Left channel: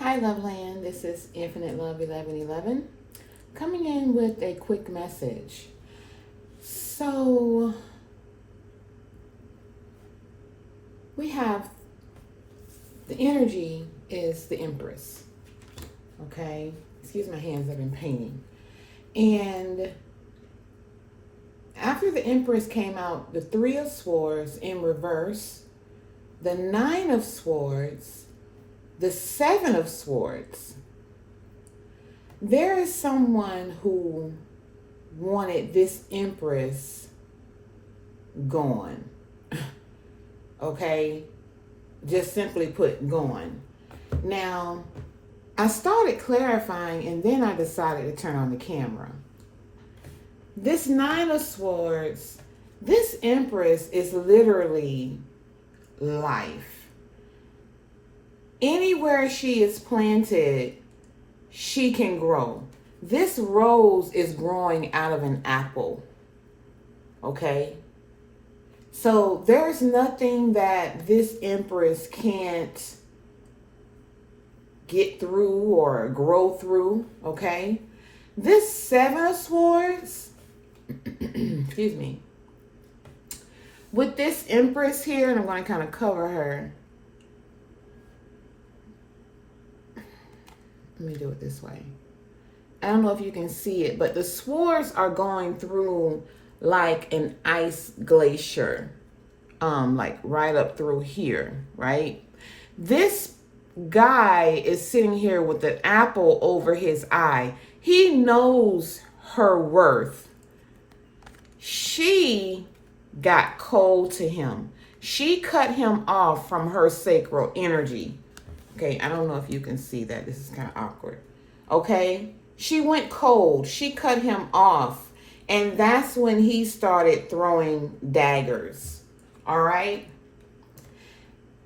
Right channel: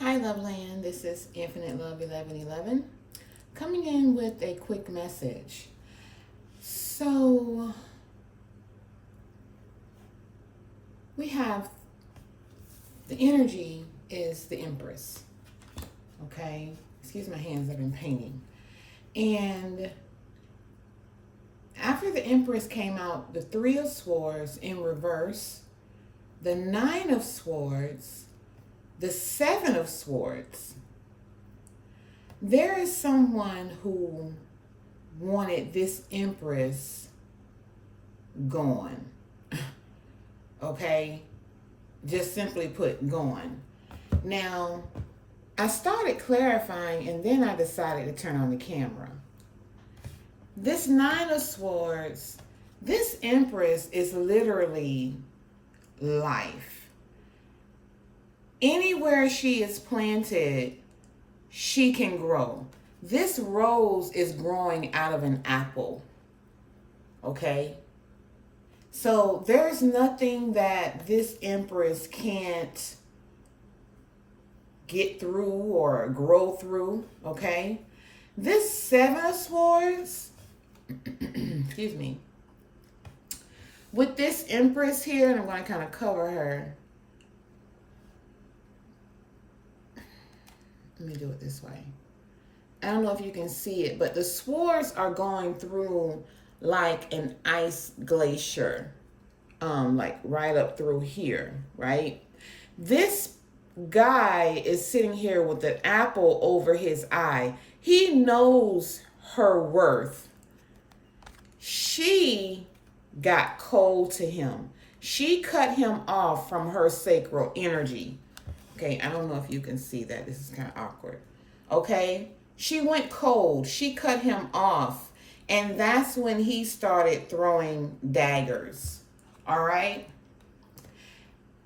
Hi, Loveland. This is Infinite Love 1111 coming in with a quick message. So, we have the energy is the Empress. Okay? Excuse my hands, I've been painting. And after the Empress came out, the Three of Swords in reverse, the Nine of Swords, the Seven of Swords. There is someone who wanted this Empress gone. Okay? Just simply put, gone. Now, I started clarifying and then I decided to turn on the camera. This Nine of Swords, this Empress is literally life. Anywhere she is planted, she can grow. This rose is growing out of an apple. Okay? So there's nothing that this Empress can't get through or grow through. Okay? This Seven of Swords, excuse me, with this Empress here, and I'm going to kind of cover her. Let me do it this way. I don't know if you can see it, but the swords are going through like an ice glacier, like right up through here, right? This guy is sitting here with an apple over his eye. He knows her worth. She got cold to him. She cut him off from her sacral energy. Okay, I don't know if you can see that. This is kind of awkward. Okay, she went cold. She cut him off. And that's when he started throwing daggers. All right.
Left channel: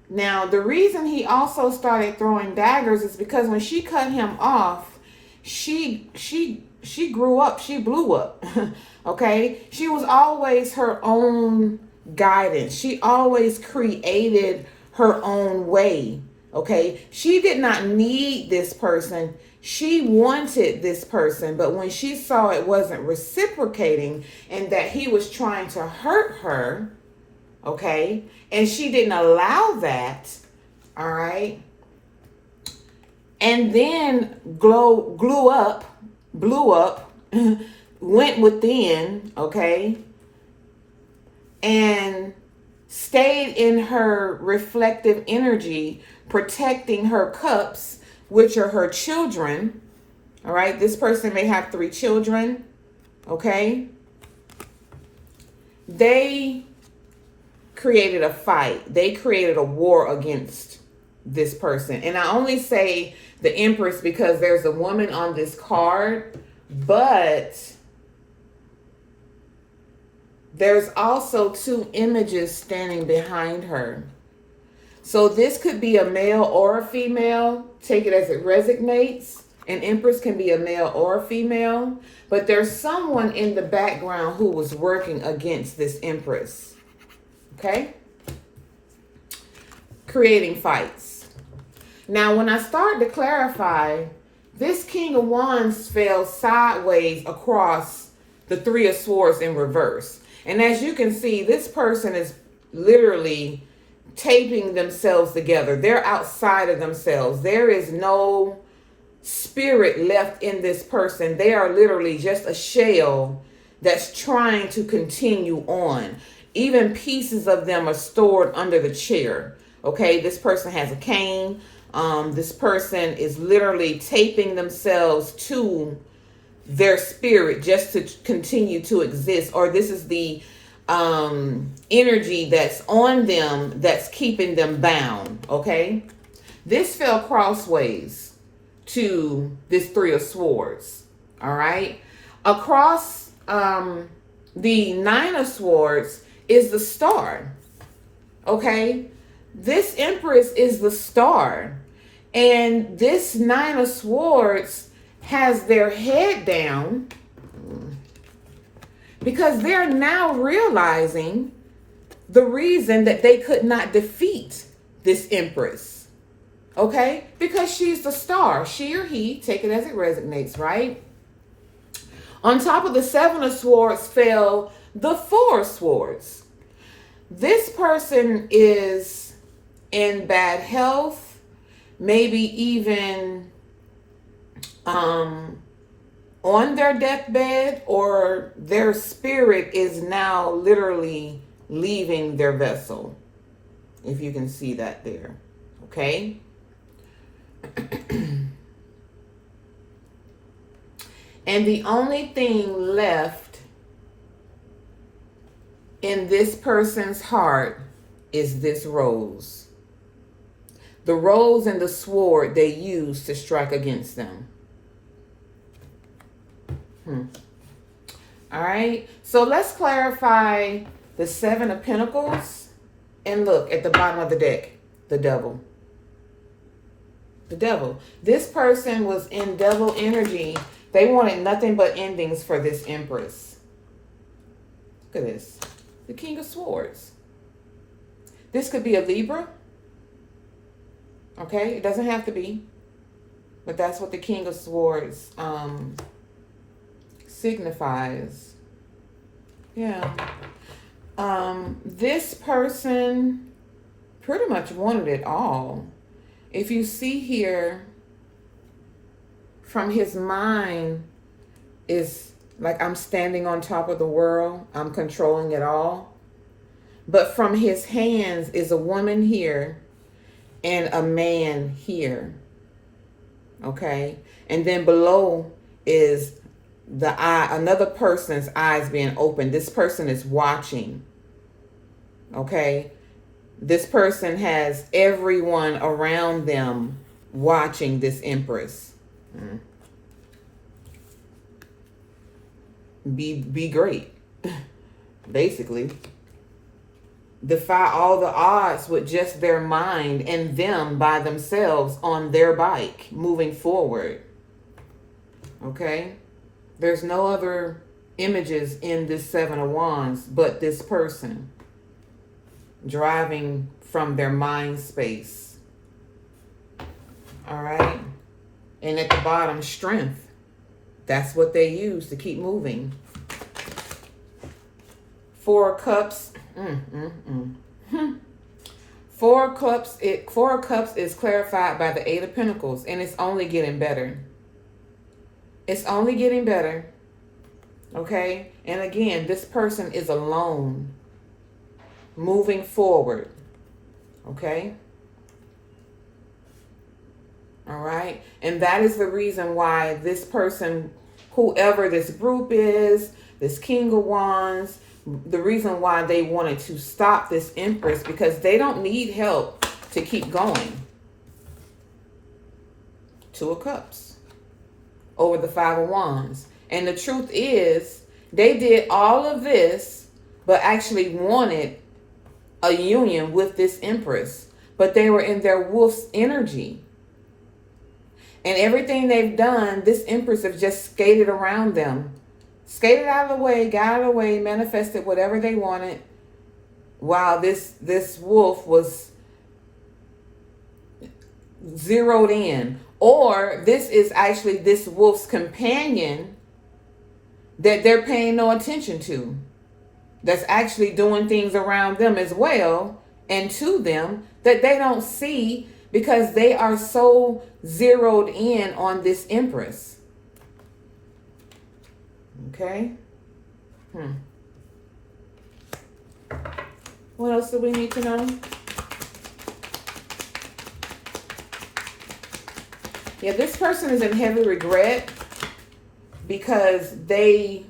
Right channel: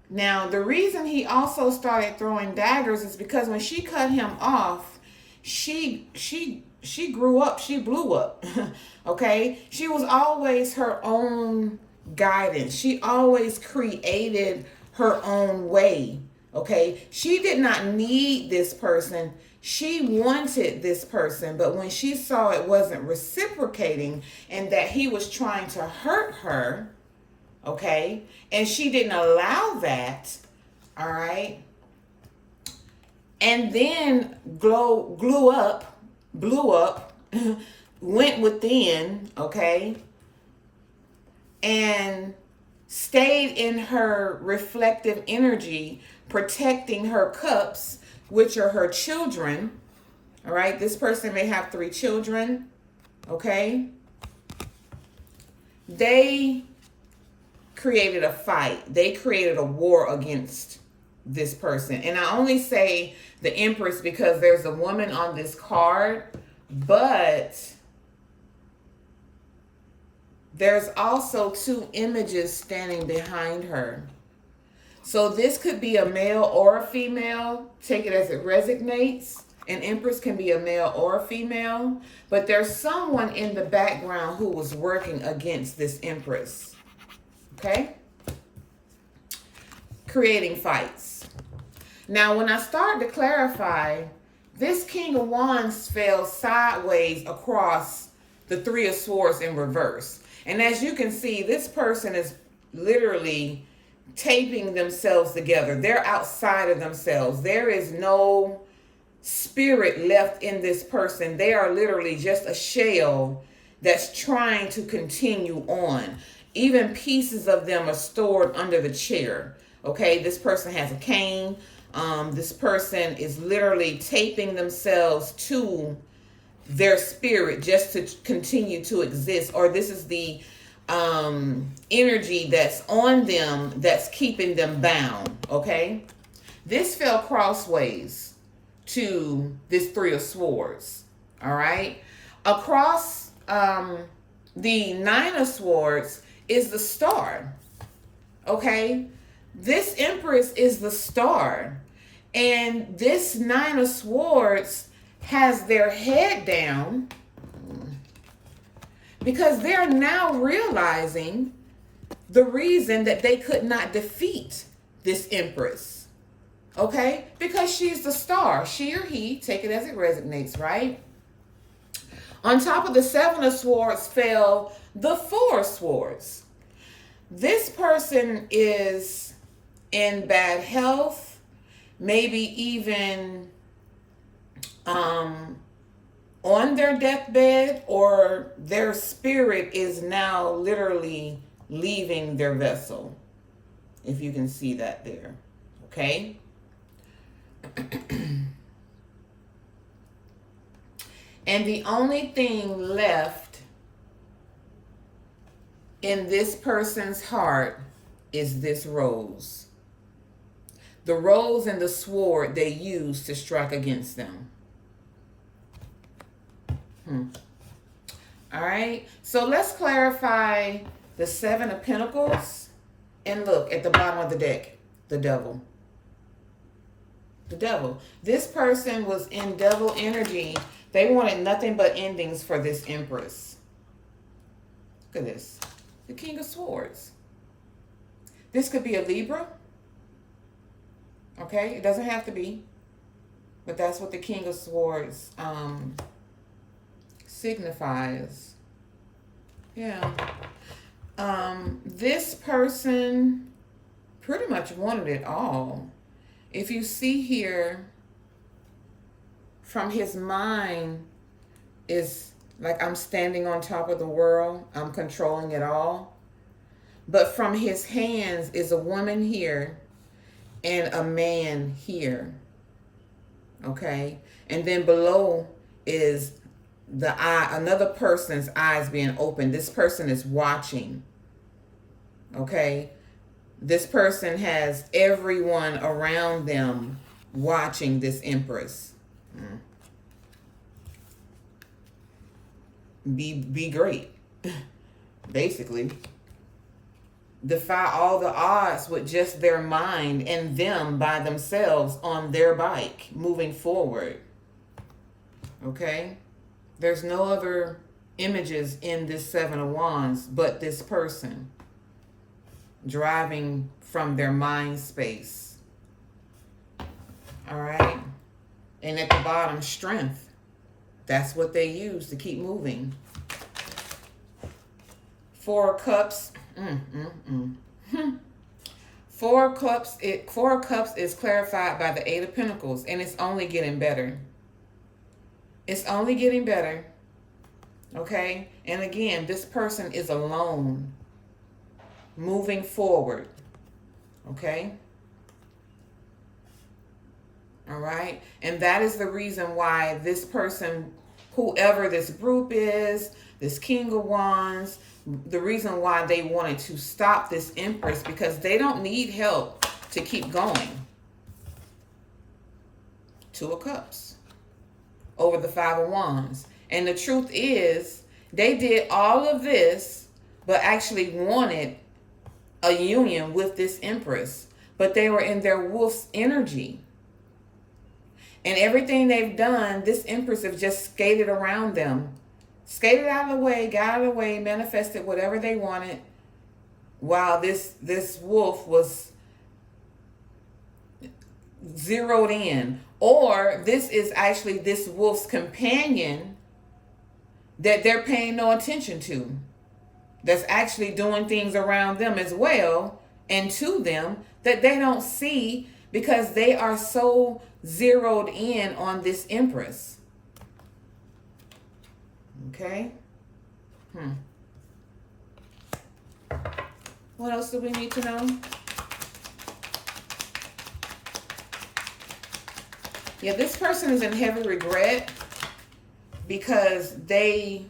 Now, the reason he also started throwing daggers is because when she cut him off, she grew up. She blew up. Okay. She was always her own guidance. She always created her own way. Okay, she did not need this person. She wanted this person, but when she saw it wasn't reciprocating and that he was trying to hurt her, okay, and she didn't allow that, all right, and then blew up, went within, okay, and stayed in her reflective energy, protecting her cups, which are her children. All right, this person may have 3 children. Okay, they created a fight. They created a war against this person. And I only say the Empress because there's a woman on this card, but there's also 2 images standing behind her. So this could be a male or a female. Take it as it resonates. An Empress can be a male or a female. But there's someone in the background who was working against this Empress. Okay? Creating fights. Now, when I started to clarify, this King of Wands fell sideways across the Three of Swords in reverse. And as you can see, this person is literally taping themselves together. They're outside of themselves. There is no spirit left in this person. They are literally just a shell that's trying to continue on. Even pieces of them are stored under the chair. Okay, this person has a cane. This person is literally taping themselves to their spirit just to continue to exist. Or this is the energy that's on them that's keeping them bound. Okay, this fell crossways to this Three of Swords. All right, across the Nine of Swords is the Star. Okay, this Empress is the Star, and this Nine of Swords has their head down because they're now realizing the reason that they could not defeat this Empress. Okay? Because she's the star. She or he, take it as it resonates, right? On top of the 7 of Swords fell the 4 of Swords. This person is in bad health, maybe even on their deathbed, or their spirit is now literally leaving their vessel. If you can see that there. Okay? And the only thing left in this person's heart is this rose. The rose and the sword they use to strike against them. All right. So let's clarify the 7 of Pentacles. And look at the bottom of the deck. The devil. The devil. This person was in devil energy. They wanted nothing but endings for this Empress. Look at this. The King of Swords. This could be a Libra. Okay? It doesn't have to be. But that's what the King of Swords signifies. Yeah. This person pretty much wanted it all. If you see here, from his mind is like, I'm standing on top of the world. I'm controlling it all. But from his hands is a woman here and a man here. Okay? And then below is the eye, another person's eyes being open. This person is watching. Okay? This person has everyone around them watching this Empress. Be great. Basically. Defy all the odds with just their mind and them by themselves on their bike moving forward. Okay? There's no other images in this 7 of Wands but this person driving from their mind space. All right? And at the bottom, strength. That's what they use to keep moving. 4 of Cups. 4 of Cups. 4 of Cups is clarified by the 8 of Pentacles, and it's only getting better. It's only getting better. Okay? And again, this person is alone, moving forward. Okay? All right? And that is the reason why this person, whoever this group is, this King of Wands, the reason why they wanted to stop this Empress, because they don't need help to keep going. 2 of Cups over the 5 of Wands. And the truth is, they did all of this, but actually wanted a union with this Empress. But they were in their wolf's energy. And everything they've done, this Empress have just skated around them. Skated out of the way, got out of the way, manifested whatever they wanted, while this wolf was zeroed in. Or this is actually this wolf's companion that they're paying no attention to. That's actually doing things around them as well and to them that they don't see, because they are so zeroed in on this Empress. Okay? What else do we need to know? Yeah, this person is in heavy regret because they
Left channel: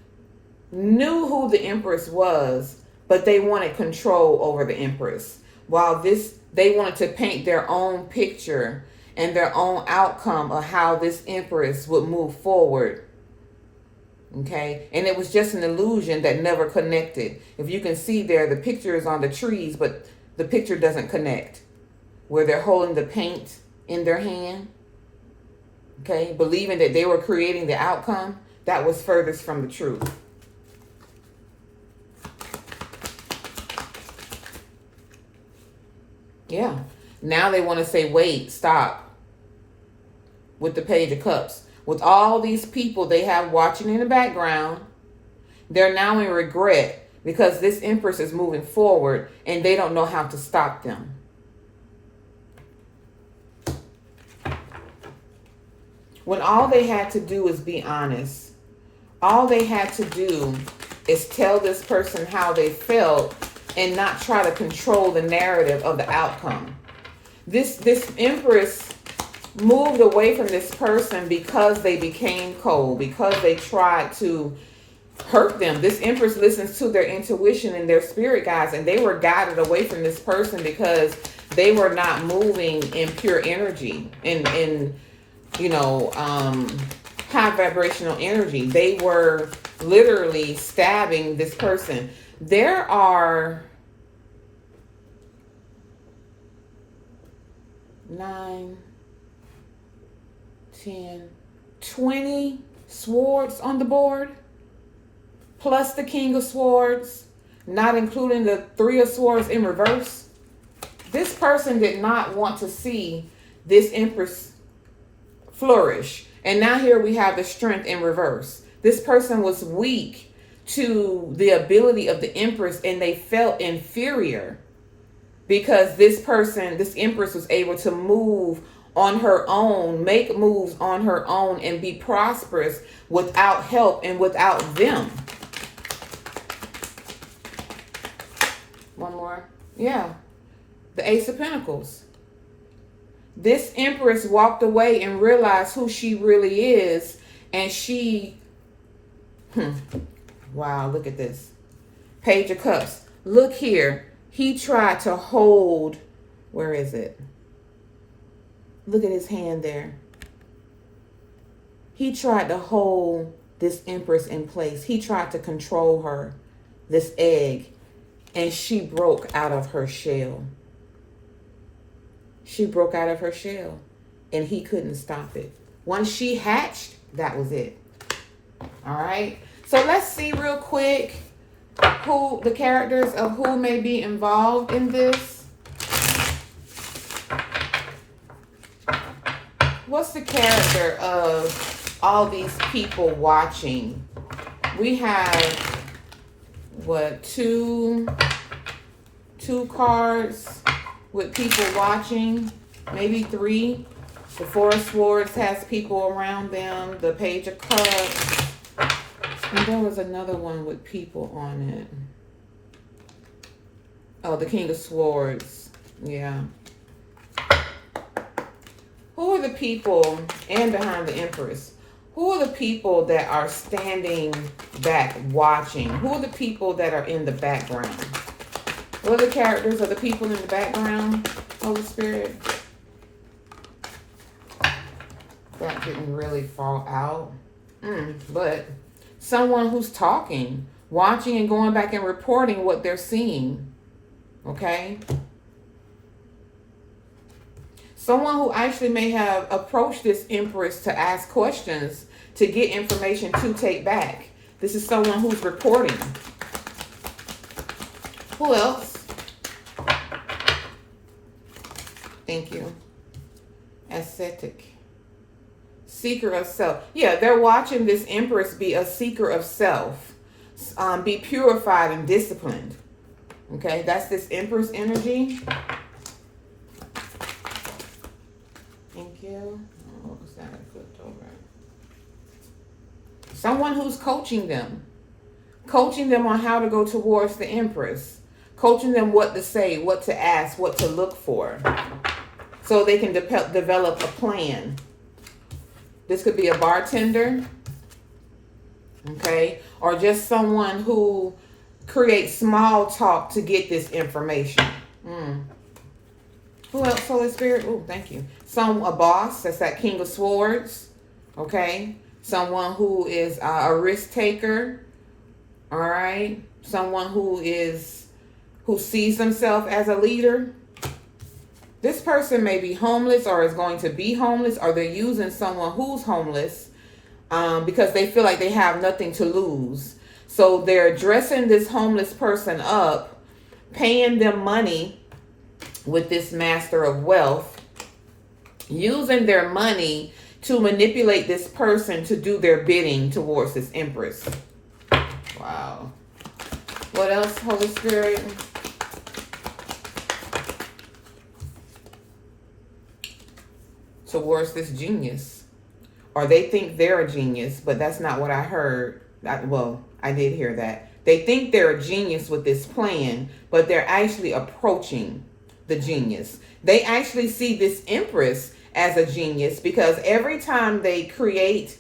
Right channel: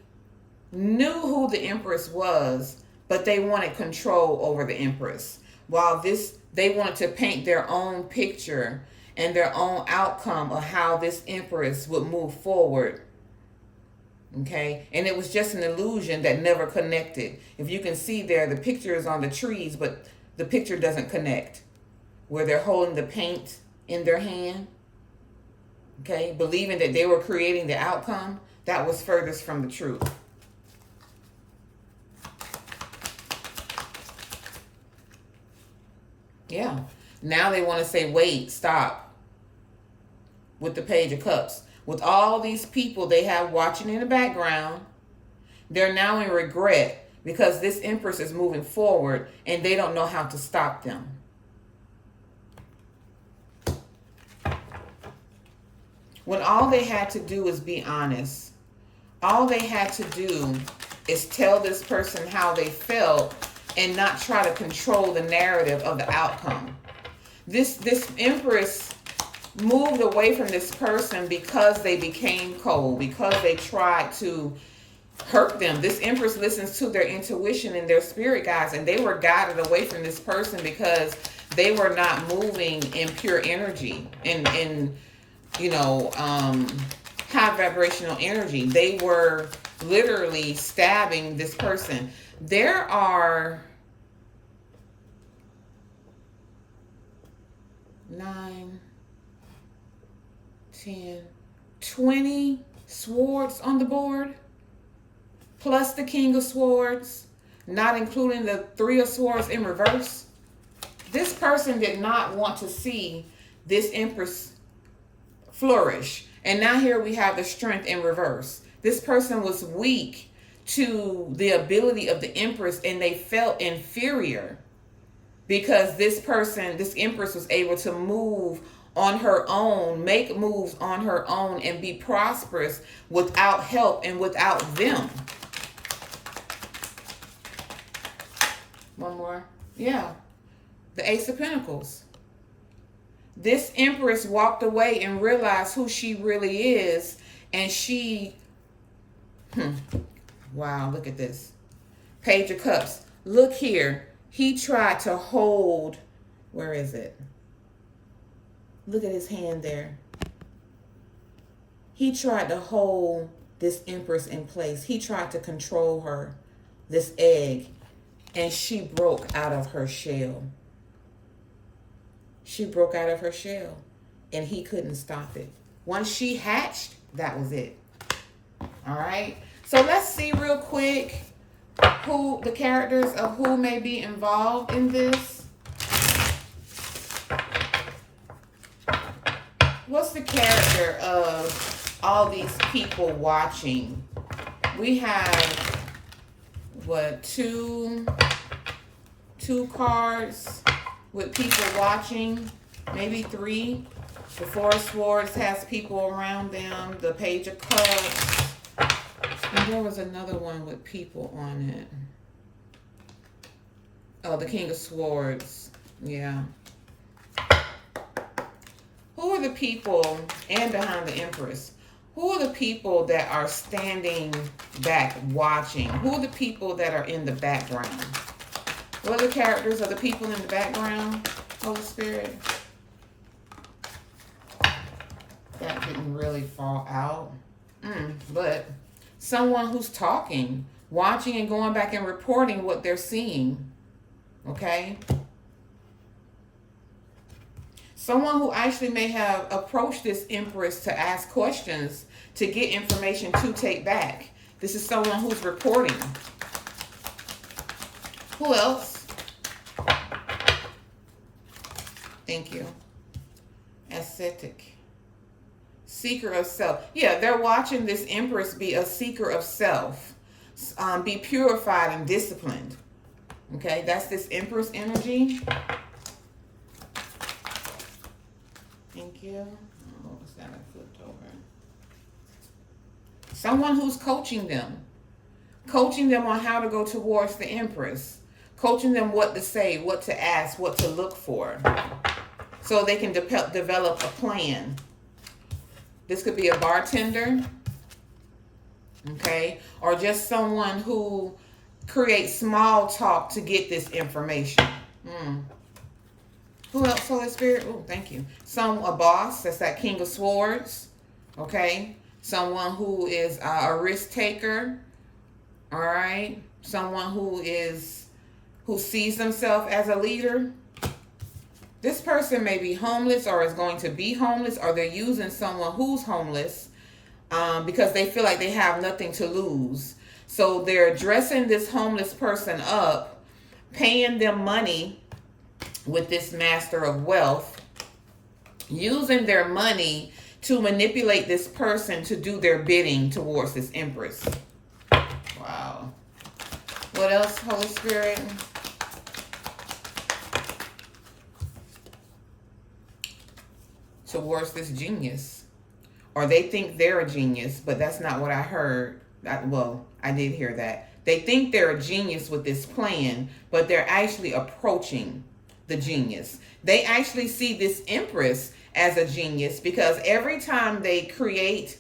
knew who the Empress was, but they wanted control over the Empress. While they wanted to paint their own picture and their own outcome of how this Empress would move forward. Okay? And it was just an illusion that never connected. If you can see there, the picture is on the trees, but the picture doesn't connect. Where they're holding the paint in their hand. Okay? Believing that they were creating the outcome, that was furthest from the truth. Yeah. Now they want to say, wait, stop. With the Page of Cups. With all these people they have watching in the background, they're now in regret because this Empress is moving forward and they don't know how to stop them. When all they had to do is be honest. All they had to do is tell this person how they felt and not try to control the narrative of the outcome. This Empress moved away from this person because they became cold, because they tried to hurt them. This Empress listens to their intuition and their spirit guides, and they were guided away from this person because they were not moving in pure energy, in high vibrational energy. They were literally stabbing this person. There are 9, 10, 20 swords on the board, plus the King of Swords, not including the 3 of Swords in reverse. This person did not want to see this Empress flourish. And now here we have the Strength in reverse. This person was weak to the ability of the Empress, and they felt inferior because this Empress was able to move on her own, make moves on her own, and be prosperous without help and without them. One more. Yeah. The Ace of Pentacles. This Empress walked away and realized who she really is. And she, wow, look at this. Page of Cups. Look here. He tried to hold, where is it? Look at his hand there. He tried to hold this Empress in place. He tried to control her, this egg, and she broke out of her shell. She broke out of her shell, and he couldn't stop it. Once she hatched, that was it. All right. So let's see real quick who the characters of who may be involved in this. What's the character of all these people watching? We have what, two cards with people watching, maybe 3. The 4 of Swords has people around them. The Page of Cups. And there was another one with people on it. Oh, the King of Swords. Yeah. Who are the people, and behind the Empress, who are the people that are standing back watching? Who are the people that are in the background? What are the characters of the people in the background, Holy Spirit? That didn't really fall out. But someone who's talking, watching, and going back and reporting what they're seeing. Okay? Someone who actually may have approached this Empress to ask questions, to get information to take back. This is someone who's reporting. Who else? Thank you. Ascetic. Seeker of self. Yeah, they're watching this Empress be a seeker of self. Be purified and disciplined. Okay, that's this Empress energy. Thank you. Oh, what was that? I flipped over. Someone who's coaching them. Coaching them on how to go towards the Empress. Coaching them what to say, what to ask, what to look for. So they can develop a plan. This could be a bartender. Okay. Or just someone who creates small talk to get this information. Who else, Holy Spirit? Oh, thank you. A boss. That's that King of Swords. Okay. Someone who is a risk taker. All right. Someone who sees themselves as a leader. This person may be homeless or is going to be homeless, or they're using someone who's homeless because they feel like they have nothing to lose. So they're dressing this homeless person up, paying them money with this master of wealth, using their money to manipulate this person to do their bidding towards this empress. Wow. What else, Holy Spirit? Towards this genius. Or they think they're a genius, but that's not what I heard. Well, I did hear that. They think they're a genius with this plan, but they're actually approaching the genius. They actually see this empress as a genius because every time they create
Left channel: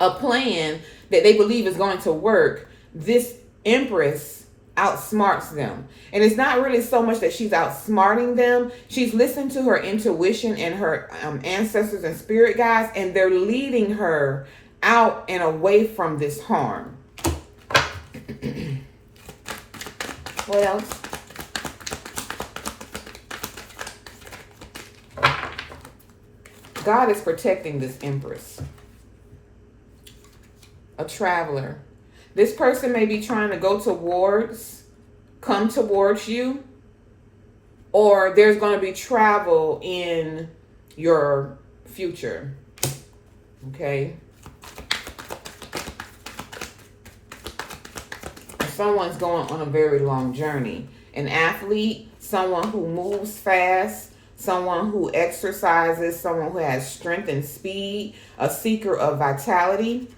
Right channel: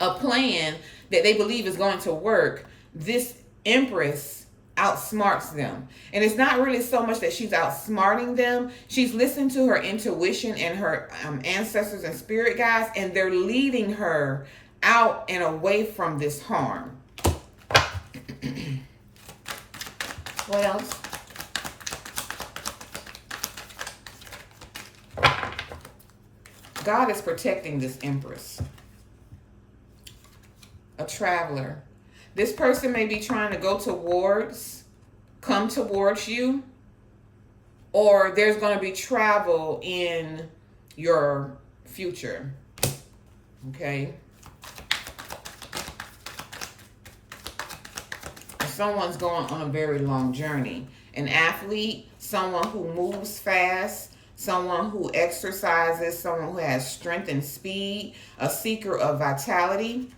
a plan that they believe is going to work, this empress outsmarts them. And it's not really so much that she's outsmarting them. She's listened to her intuition and her ancestors and spirit guides, and they're leading her out and away from this harm. What else? God is protecting this empress. A traveler. This person may be trying to come towards you, or there's going to be travel in your future. Okay. Someone's going on a very long journey. An athlete, someone who moves fast, someone who exercises, someone who has strength and speed, a seeker of vitality.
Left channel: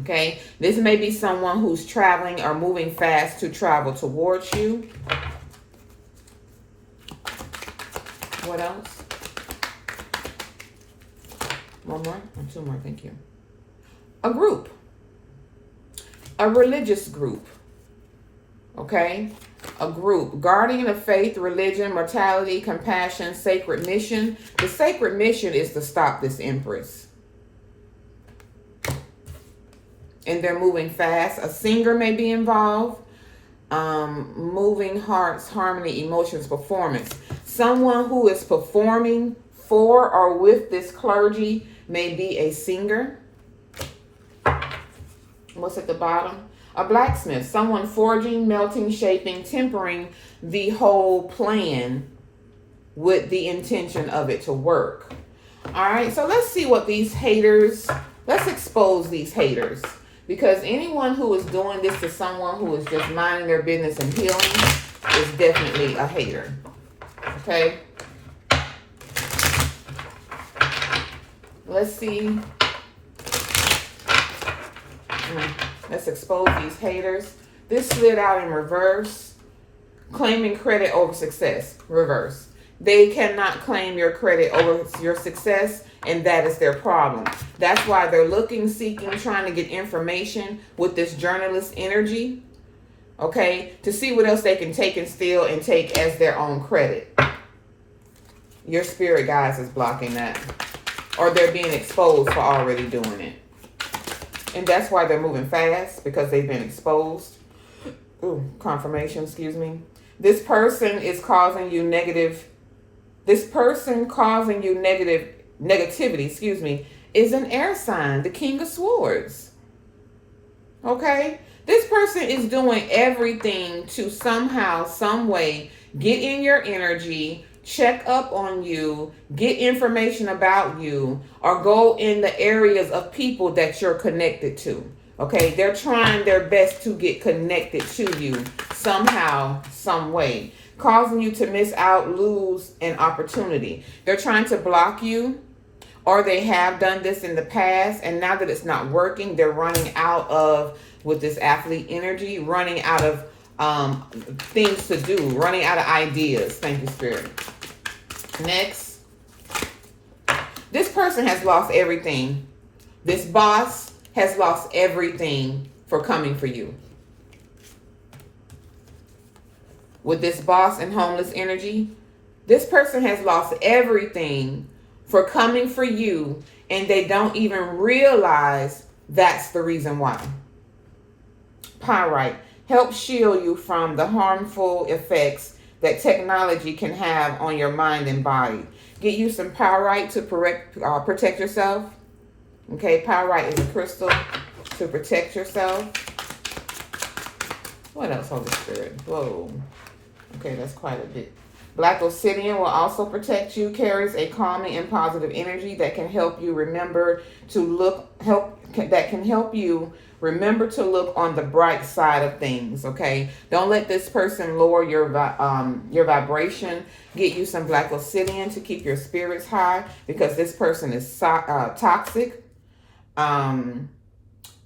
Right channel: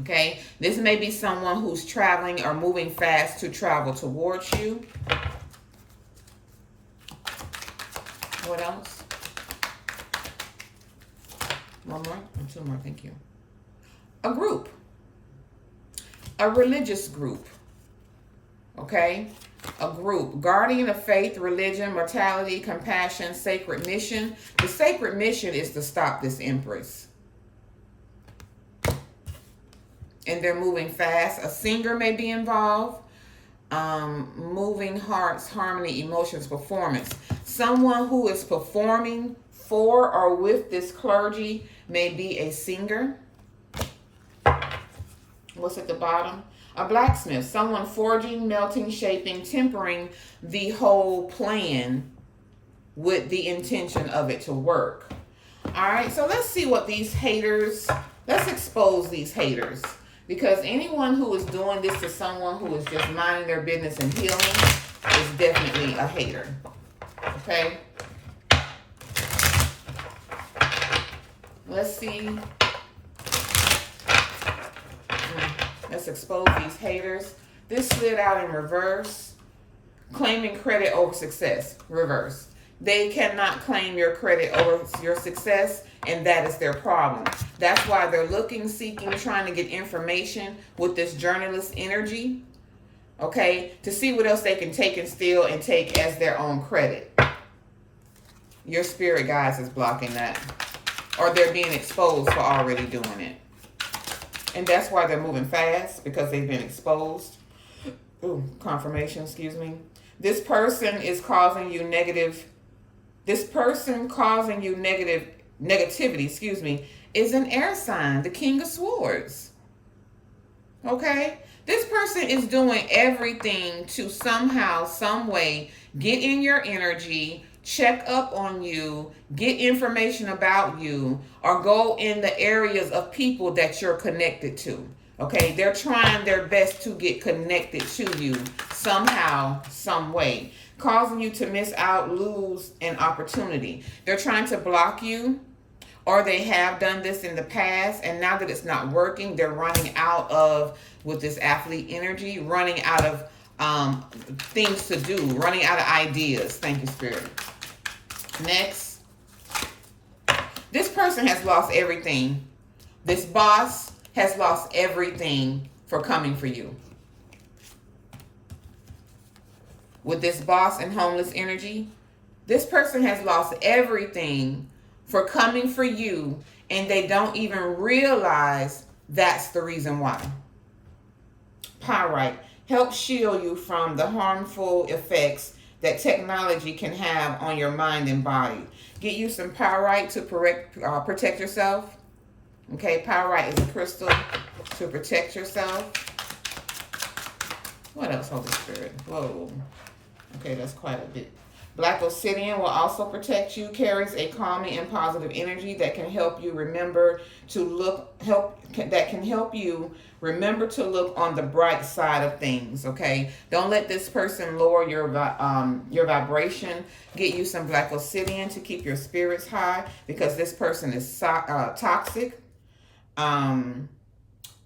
Okay, this may be someone who's traveling or moving fast to travel towards you. What else? One more? Or two more, thank you. A group. A religious group. Okay? A group. Guardian of faith, religion, mortality, compassion, sacred mission. The sacred mission is to stop this empress. And they're moving fast. A singer may be involved. Moving hearts, harmony, emotions, performance. Someone who is performing for or with this clergy may be a singer. What's at the bottom? A blacksmith. Someone forging, melting, shaping, tempering the whole plan with the intention of it to work. All right, so let's see what these haters, let's expose these haters. Because anyone who is doing this to someone who is just minding their business and healing is definitely a hater. Okay? Let's see. Let's expose these haters. This slid out in reverse. Claiming credit over success. Reverse. They cannot claim your credit over your success, and that is their problem. That's why they're looking, seeking, trying to get information with this journalist energy, okay, to see what else they can take and steal and take as their own credit. Your spirit guides is blocking that, or they're being exposed for already doing it. And that's why they're moving fast, because they've been exposed. Ooh, confirmation, excuse me. This person is causing you negative. This person causing you negativity, is an air sign, the King of Swords. Okay? This person is doing everything to somehow, some way, get in your energy, check up on you, get information about you, or go in the areas of people that you're connected to. Okay? They're trying their best to get connected to you somehow, some way, causing you to miss out, lose an opportunity. They're trying to block you, or they have done this in the past, and now that it's not working, they're running out of, with this athlete energy, running out of things to do, running out of ideas. Thank you, Spirit. Next. This person has lost everything. This boss has lost everything for coming for you. With this boss and homeless energy, this person has lost everything for coming for you, and they don't even realize that's the reason why. Pyrite helps shield you from the harmful effects that technology can have on your mind and body. Get you some pyrite to protect yourself. Okay, pyrite is a crystal to protect yourself. What else, Holy Spirit? Whoa. Okay, that's quite a bit. Black obsidian will also protect you, carries a calming and positive energy that can help you remember to look, remember to look on the bright side of things, okay? Don't let this person lower your vibration. Get you some black obsidian to keep your spirits high, because this person is toxic.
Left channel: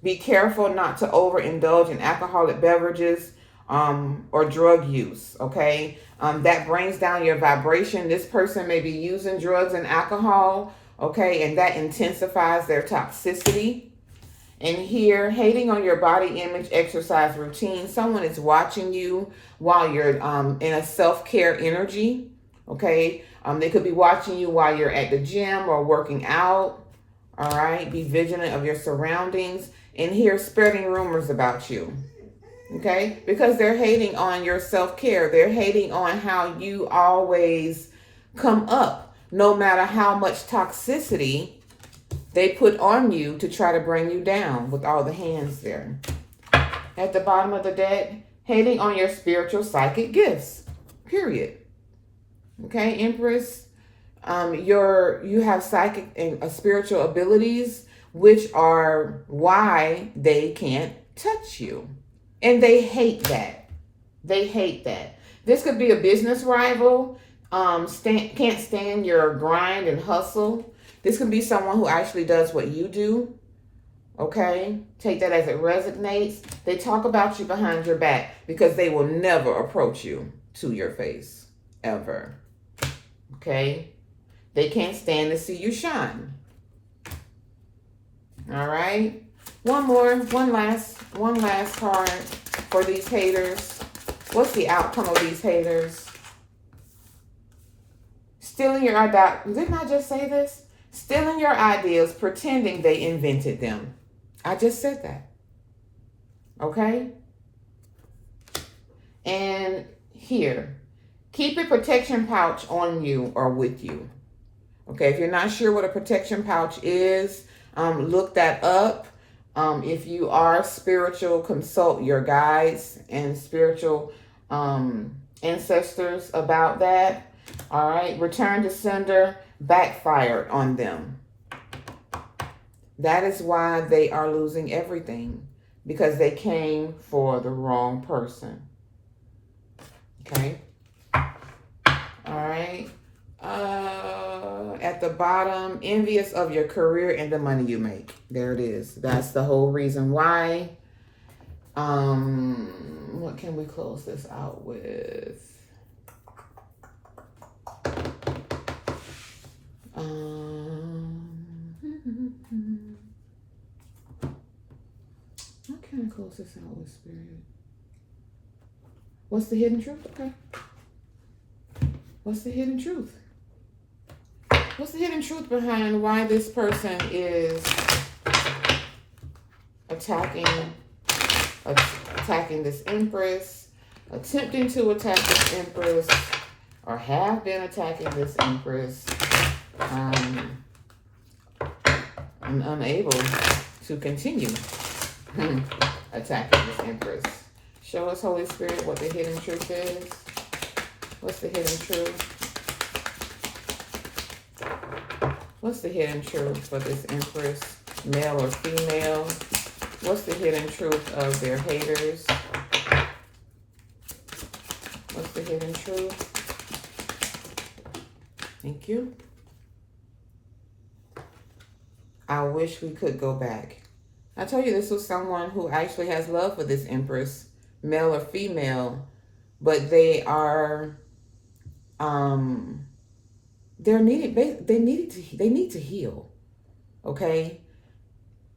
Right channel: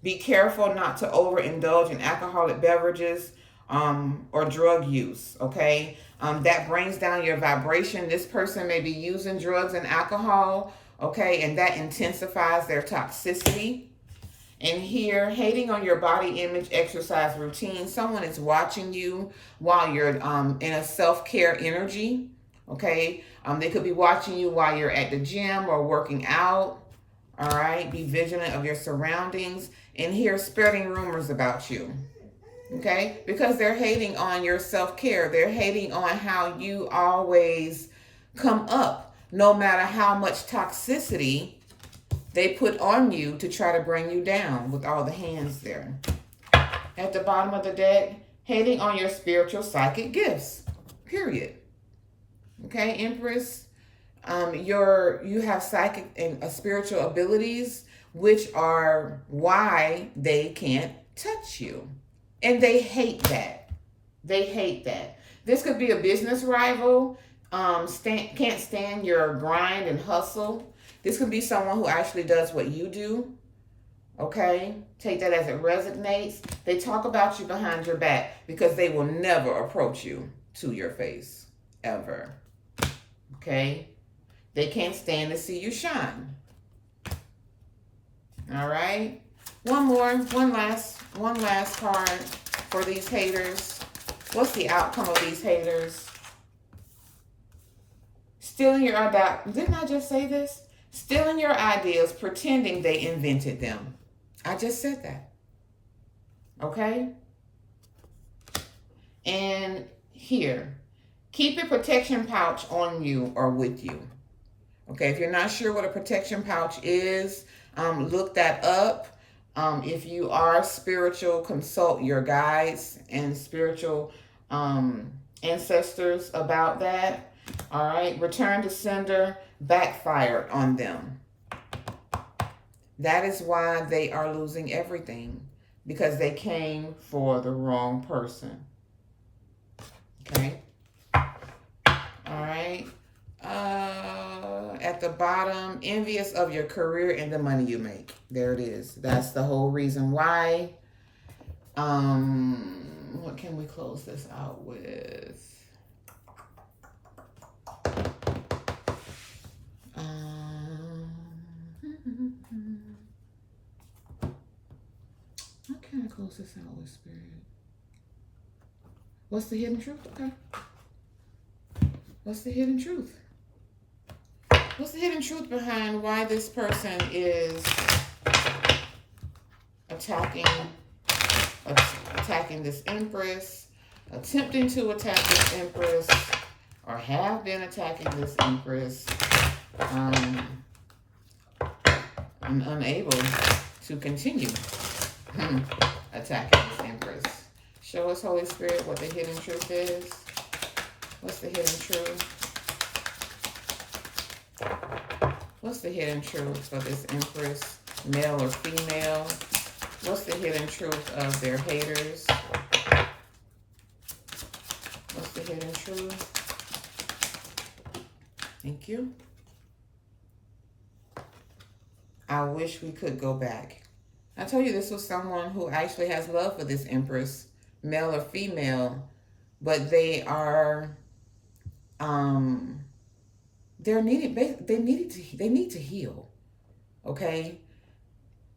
Be careful not to overindulge in alcoholic beverages or drug use, okay? That brings down your vibration. This person may be using drugs and alcohol, okay? And that intensifies their toxicity. And here, hating on your body image, exercise routine. Someone is watching you while you're in a self-care energy, okay? They could be watching you while you're at the gym or working out, all right? Be vigilant of your surroundings. And here, spreading rumors about you, okay? Because they're hating on your self-care. They're hating on how you always come up, no matter how much toxicity they put on you to try to bring you down, with all the hands there. At the bottom of the deck, hating on your spiritual psychic gifts, period. Okay, Empress, you have psychic and spiritual abilities, which are why they can't touch you. And they hate that. They hate that. This could be a business rival, can't stand your grind and hustle. This could be someone who actually does what you do, okay? Take that as it resonates. They talk about you behind your back because they will never approach you to your face, ever, okay? They can't stand to see you shine, all right? One last card for these haters. What's the outcome of these haters? Stealing your ideas. Didn't I just say this? Stealing your ideas, pretending they invented them. I just said that. Okay? And here, keep a protection pouch on you or with you. Okay, if you're not sure what a protection pouch is, look that up. If you are spiritual, consult your guides and spiritual ancestors about that. All right, return to sender backfired on them. That is why they are losing everything, because they came for the wrong person. Okay. All right. At the bottom, envious of your career and the money you make. There it is. That's the whole reason why. What can we close this out with? What can I close this out with, Spirit? What's the hidden truth? Okay. What's the hidden truth? What's the hidden truth behind why this person is attacking this Empress, attempting to attack this Empress, or have been attacking this Empress, and unable to continue attacking this Empress? Show us, Holy Spirit, what the hidden truth is. What's the hidden truth? What's the hidden truth for this Empress, male or female? What's the hidden truth of their haters? What's the hidden truth? Thank you. I wish we could go back. I told you this was someone who actually has love for this Empress, male or female, but they are, they need to heal, okay?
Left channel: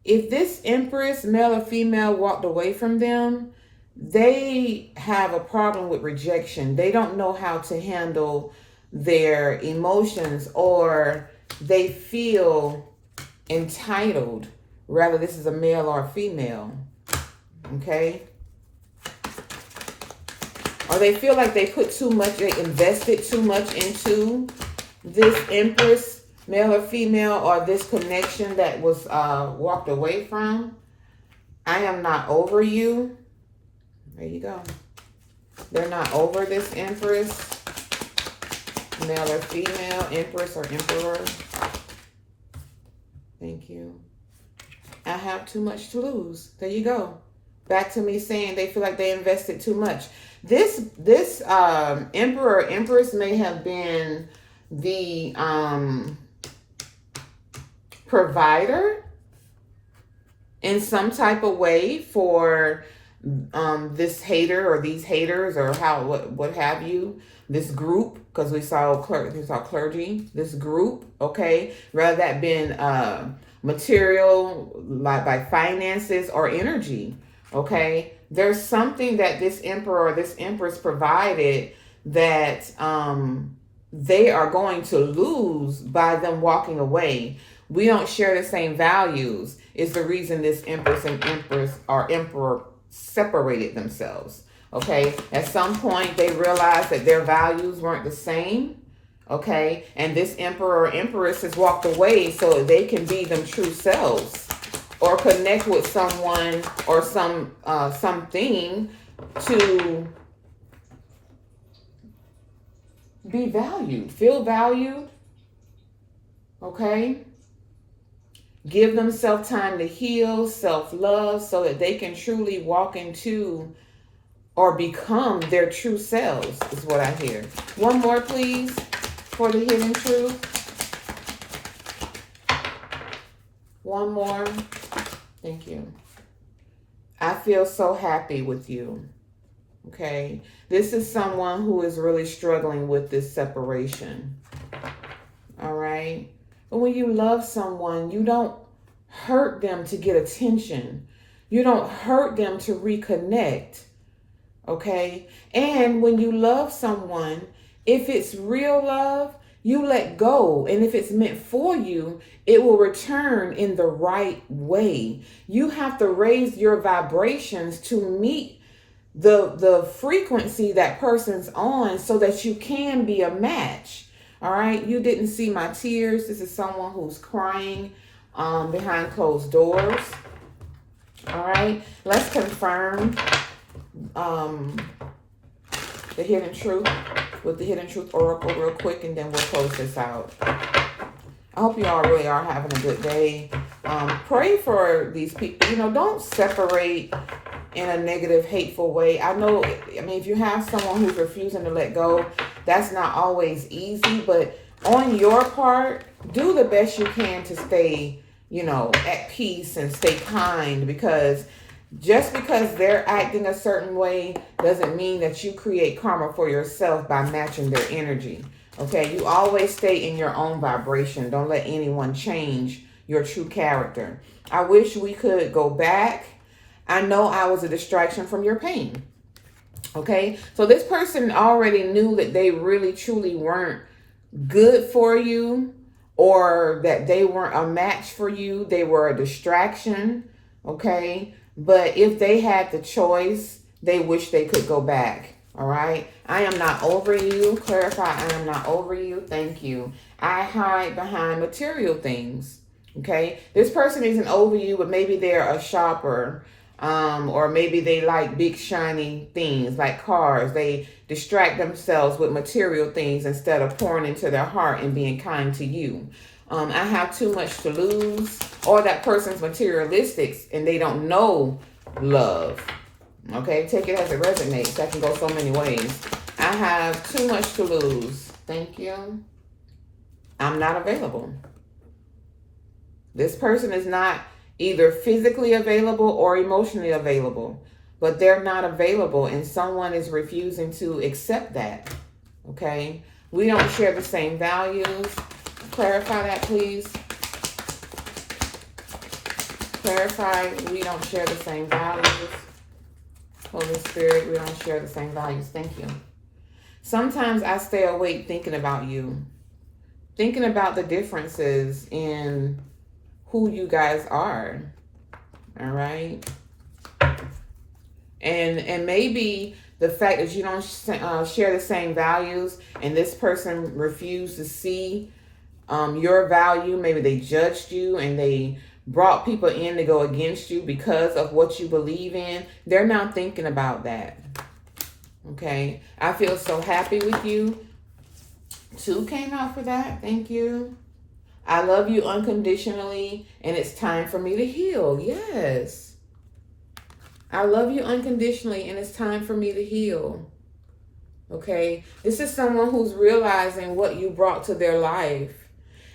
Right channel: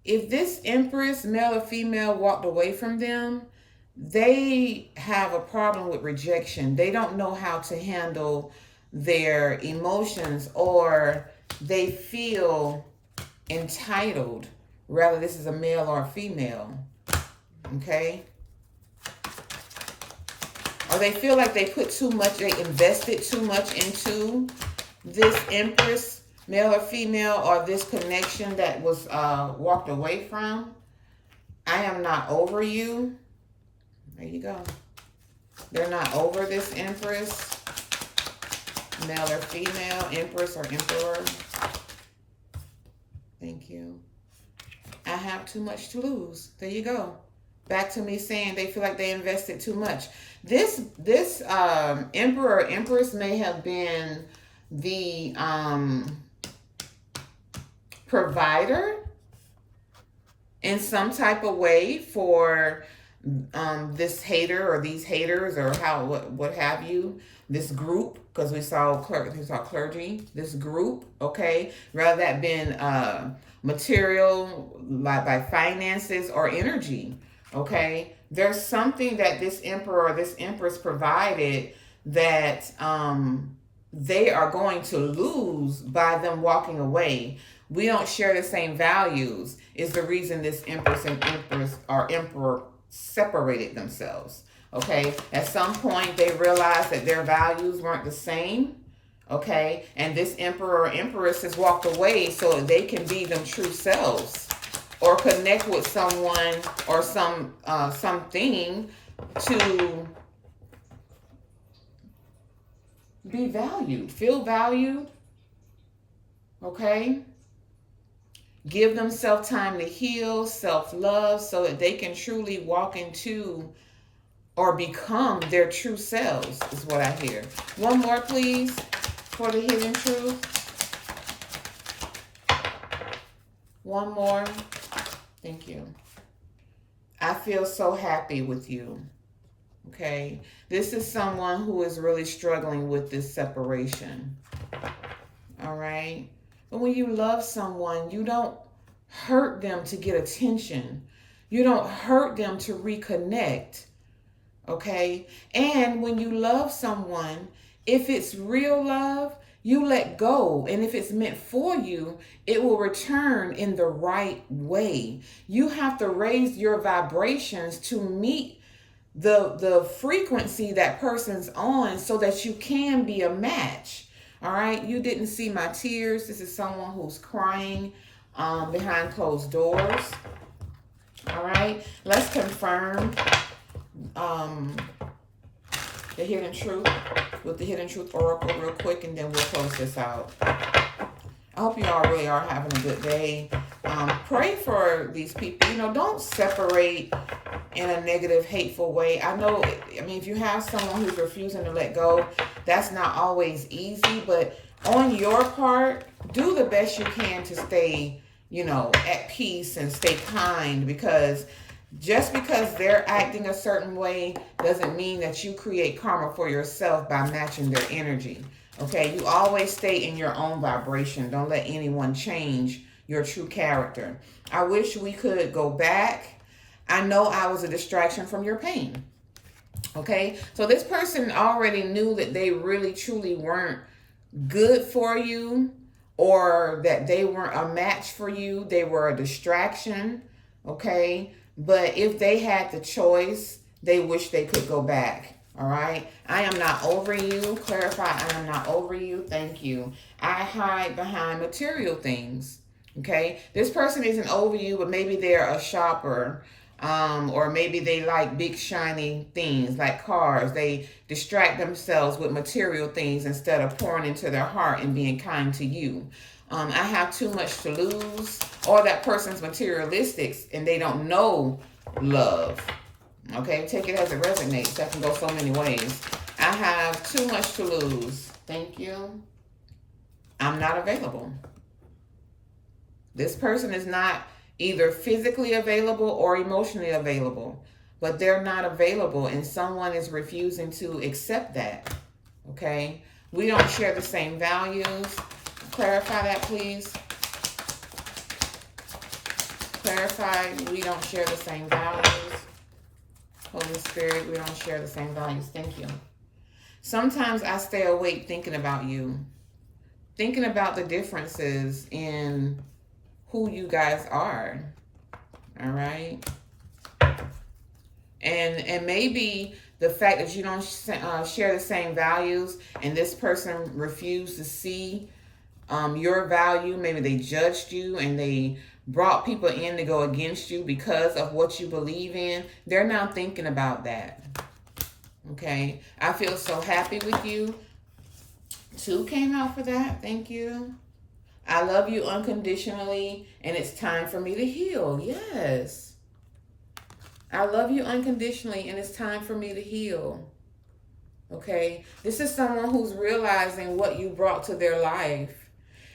If this Empress, male or female, walked away from them, they have a problem with rejection. They don't know how to handle their emotions, or they feel entitled. Rather, this is a male or a female, okay? Or they feel like they put too much, they invested too much into this Empress, male or female, or this connection that was walked away from. I am not over you. There you go. They're not over this Empress. Male or female, empress or emperor. Thank you. I have too much to lose. There you go. Back to me saying they feel like they invested too much. This emperor or empress may have been the provider in some type of way for this hater or these haters or what have you, this group, because we saw clergy, this group, okay, rather that been material, like by finances or energy, okay. There's something that this emperor or this empress provided that they are going to lose by them walking away. We don't share the same values is the reason this empress and empress or emperor separated themselves. Okay, at some point they realized that their values weren't the same. Okay, and this emperor or empress has walked away so that they can be them true selves or connect with someone or something to be valued, feel valued. Okay, give themselves time to heal, self-love, so that they can truly walk into or become their true selves, is what I hear. One more, please, for the hidden truth. One more. Thank you. I feel so happy with you. Okay. This is someone who is really struggling with this separation. All right. But when you love someone, you don't hurt them to get attention. You don't hurt them to reconnect. Okay. And when you love someone, if it's real love, you let go. And if it's meant for you, it will return in the right way. You have to raise your vibrations to meet the frequency that person's on so that you can be a match. All right. You didn't see my tears. This is someone who's crying behind closed doors. All right. Let's confirm the hidden truth with the hidden truth oracle real quick, and then we'll close this out. I hope you all really are having a good day. Pray for these people. You know, don't separate in a negative, hateful way. I mean, if you have someone who's refusing to let go, that's not always easy, but on your part, do the best you can to stay, you know, at peace and stay kind, because just because they're acting a certain way doesn't mean that you create karma for yourself by matching their energy. Okay, you always stay in your own vibration. Don't let anyone change your true character. I wish we could go back. I know I was a distraction from your pain. Okay, so this person already knew that they really truly weren't good for you, or that they weren't a match for you. They were a distraction. Okay, but if they had the choice, they wish they could go back. All right. I am not over you. Clarify. I am not over you. Thank you. I hide behind material things. Okay. This person isn't over you, but maybe they're a shopper. Or maybe they like big shiny things like cars. They distract themselves with material things instead of pouring into their heart and being kind to you. I have too much to lose, or that person's materialistic and they don't know love. Okay, take it as it resonates. That can go so many ways. I have too much to lose. Thank you. I'm not available. This person is not either physically available or emotionally available, but they're not available, and someone is refusing to accept that. Okay, we don't share the same values. Clarify that, please. Clarify, we don't share the same values. Holy Spirit, we don't share the same values. Thank you. Sometimes I stay awake thinking about you, thinking about the differences in who you guys are. All right. And maybe the fact that you don't share the same values and this person refused to see your value, maybe they judged you and they brought people in to go against you because of what you believe in. They're not thinking about that. Okay. I feel so happy with you. 2 came out for that. Thank you. I love you unconditionally, and it's time for me to heal. Yes. I love you unconditionally, and it's time for me to heal. Okay? This is someone who's realizing what you brought to their life,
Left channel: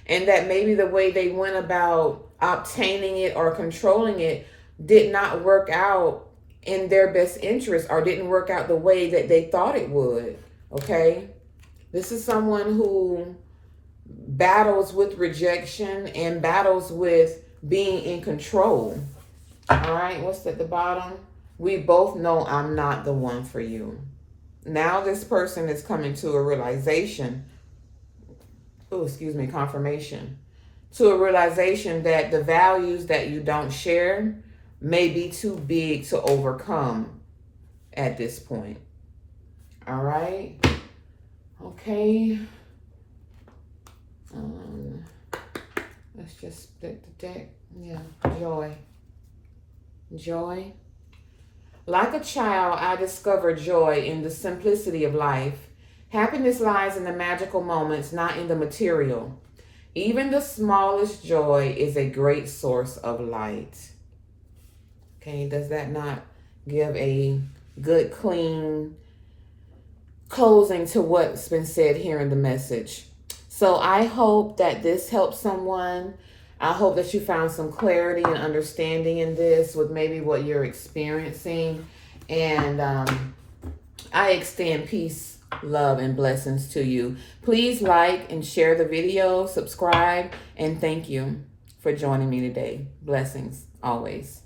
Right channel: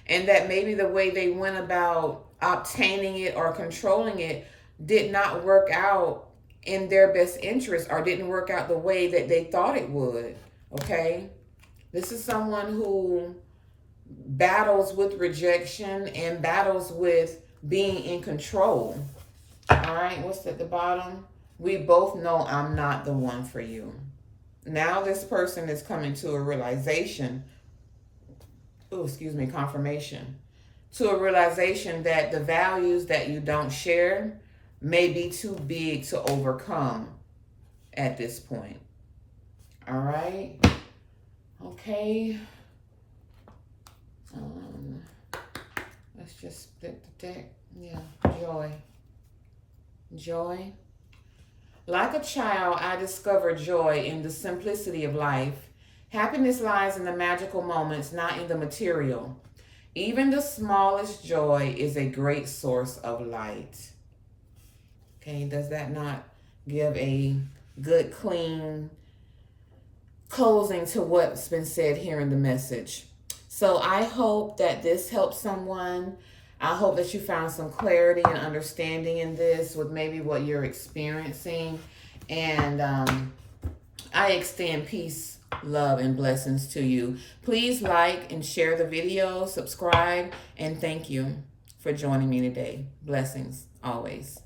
and that maybe the way they went about obtaining it or controlling it did not work out in their best interest, or didn't work out the way that they thought it would. Okay? This is someone who battles with rejection and battles with being in control. All right, what's at the bottom? We both know I'm not the one for you. Now this person is coming to a realization, confirmation, to a realization that the values that you don't share may be too big to overcome at this point. All right. Okay. Let's just split the deck. Yeah, joy. Joy. Like a child, I discovered joy in the simplicity of life. Happiness lies in the magical moments, not in the material. Even the smallest joy is a great source of light. Okay, does that not give a good, clean closing to what's been said here in the message? So I hope that this helps someone. I hope that you found some clarity and understanding in this with maybe what you're experiencing. And I extend peace, love, and blessings to you. Please like and share the video, subscribe, and thank you for joining me today. Blessings always.